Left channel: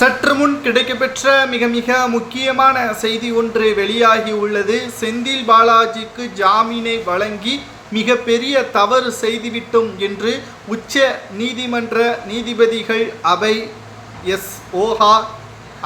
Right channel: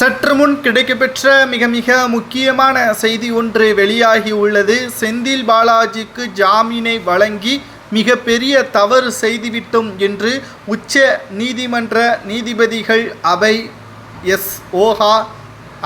சற்று முன் கிடைக்கப்பெற்ற மிக மிக முக்கியமான செய்தி ஒன்று வெளியாகி உள்ளது. செந்தில் பாலாஜிக்கு ஜாமீனை வழங்கி மிக பெரிய தவறு செய்துவிட்டோம் என்று உச்ச நீதிமன்ற நீதிபதிகள் அபை எஸ். ஓஹா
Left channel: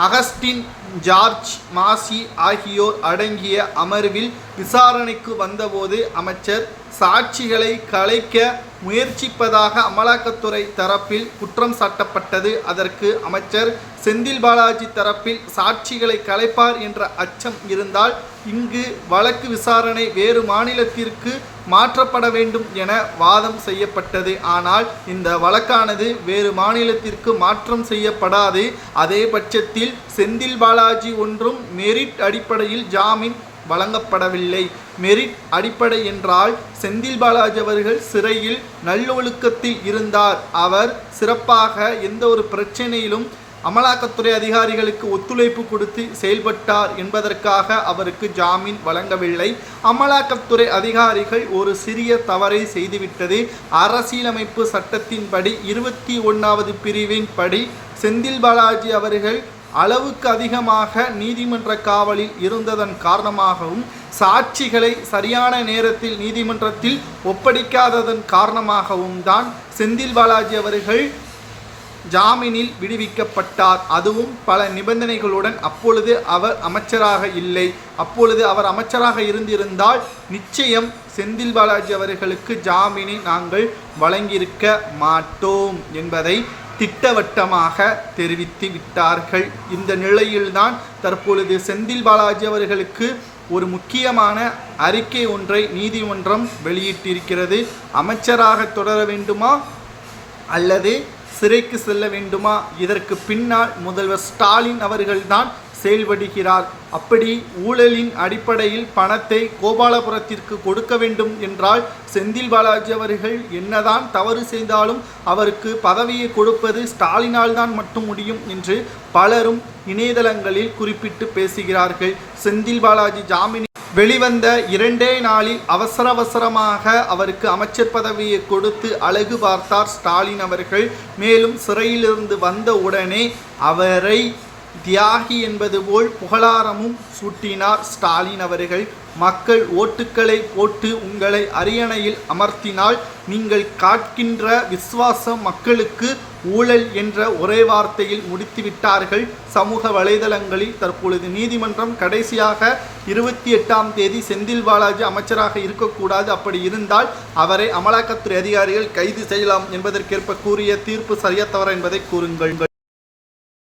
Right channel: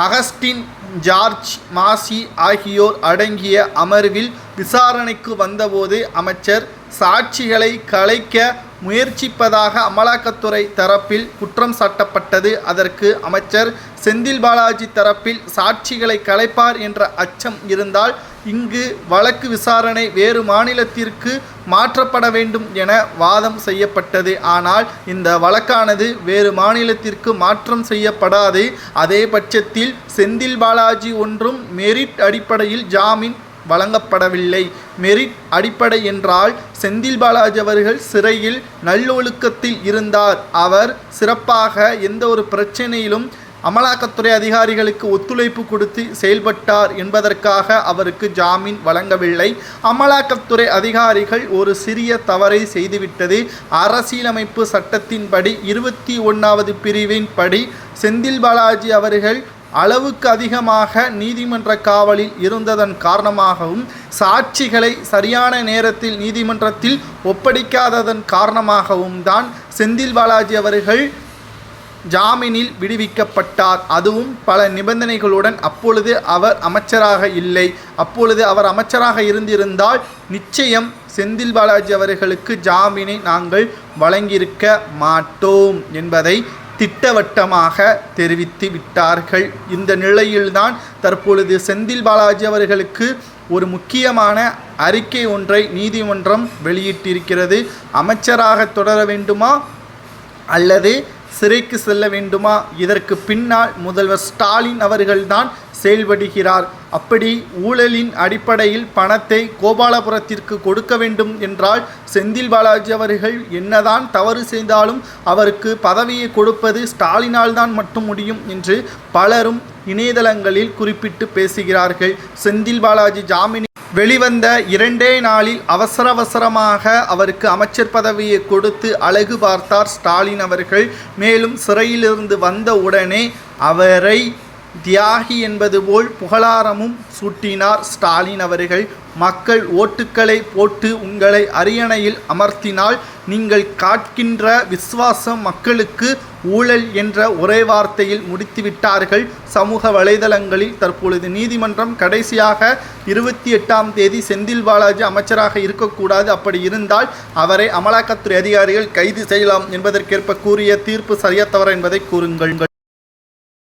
அகஸ்டின் ஜார்ஜ் மாசி ஆகியோர் அடங்கிய அமர்வில் விசாரணைக்கு வந்தபோது அமைச்சர் சாட்சிகளை கலைக்க முயற்சிப்பதாக அமலாக்கத்துறை தரப்பில் குற்றம் சாட்டப்பட்டது. அதற்கு அமைச்சர் செந்தில் பாலாஜி தரப்பில் சாட்சிகளை கலைப்பார் என்ற அச்சம் இருந்தால் இங்கு வழக்கு விசாரணை வேறு மாநிலத்திற்கு மாற்றப்பட வேண்டும் என வாதம் செய்யப்பட்டது. ஆனால் இந்த வழக்கானது வேறு மாநிலத்திற்கு மாற்றம் செய்யப்படாது. அதே பட்சத்தில் செந்தில் பாலாஜி ஒன்றும் மெரிட் அடிப்படையில் ஜாமீன் வழங்கப்படவில்லை. மெரிட் அடிப்படை என்றால் செந்தில் பாலாஜி அவர்கள் சிறையில் நல்லொழுக்கத்தில் இருந்தார். அவர் சிறப்பாக எந்த ஒரு பிரச்சனையிலும் அமலாக்கத்துறை அதிகாரிகளுக்கு ஒத்துழைப்பு கொடுத்து செயல்பட்டார் என்பதற்காக அவருக்கு ஜாமீன் வழங்கவில்லை. அமலாக்கத்துறை அதிகாரிகள் ஒரு சிறிய தவறை செய்துவிட்டது. அரசியலமைப்பு சட்டத்தின்படி இருபத்தி ஒன்றாவது பிரிவின் படி செந்தில் பாலாஜி அவர்கள் அளவுக்கு அதிகமாக நீதிமன்ற காவலில் இருந்ததன் காரணமாகவும் சாட்சிகளை சரியான நேரத்தில் நீதிமன்றத்தில் ஒப்படைக்காததன் காரணமாகவும் தான் செந்தில் பாலாஜி அவர்கள் ஜாமீனில் விடுவிக்கப்பட்டார். அதுவும் பல நிபந்தனைகளுடன் அப்பொழுது அவர் அமைச்சராக இல்லை. அப்பொழுது அவர் அமைச்சராக இருந்திருந்தால் நிச்சயம் செந்தில் பாலாஜி அவர்களுக்கு ஜாமீனை நாங்கள் வழங்கியிருக்க மாட்டோம் என்பதை திட்டவட்டமாக தெரிவித்து விட்டார்கள். இந்த நிலையில்தான் தற்பொழுது செந்தில் பாலாஜி அவர்களுக்கு ஒரு முக்கியமான அறிக்கை ஒன்றை நீதிமன்றம் வெளியிட்டிருக்கிறது. அமைச்சராக தொடர வேண்டுமா? அல்லது சிறைக்கு செல்ல வேண்டுமா? இதற்கு பின்னால் முதல்வர் ஸ்டாலின் அவர்கள்தான் செயல்படுகிறார். அப்படி ஊழலின் அடிப்படையில் பணத்தை கோபாலபுரத்திற்கு கொடுக்க வேண்டும் என்றால் செந்தில் பாலாஜி அவர்கள் என்னதான் தவறு செய்தாலும் அவருக்கு பதவியை கொடுப்பது ஸ்டாலினால் தான் மட்டும் முடியும் என்று பலரும் இணையதளங்களில் குறிப்பிட்டு பேசுகிறார்கள். செந்தில் பாலாஜி ஜாமீன் வெளிவந்த இரண்டே நாளில் அவசர அவசரமாக அவருக்கு அமைச்சர் பதவியை கொடுத்து அழகு பார்த்தார் ஸ்டாலின் அவர்கள். மேலும் சிறையிலிருந்து வந்த உடனே அவரை தியாகி என்பது போல் புகழாரமும் சூட்டினார் ஸ்டாலின் அவர்கள். மக்கள் ஓட்டுக்களை போட்டு உங்களை அரியணையில் அமர்த்தினால் நீங்கள் காட்கின்ற விசுவாசம் மக்களுக்கு ஊழல் என்ற ஒரே வார்த்தையில் முடித்துவிட்டார்கள். சமூக வலைதளங்களில் தற்பொழுது நீதிமன்றம் கடைசியாக இருபத்தி எட்டாம் தேதி செந்தில் பாலாஜி அமைச்சராக இருக்கக்கூடாது. அப்படி இருந்தால் அவரை அமலாக்கத்துறை அதிகாரிகள் கைது செய்யலாம் என்பதற்கேற்ப கூறிய தீர்ப்பு சரியத்தவர் என்பதை கூறுங்கள்.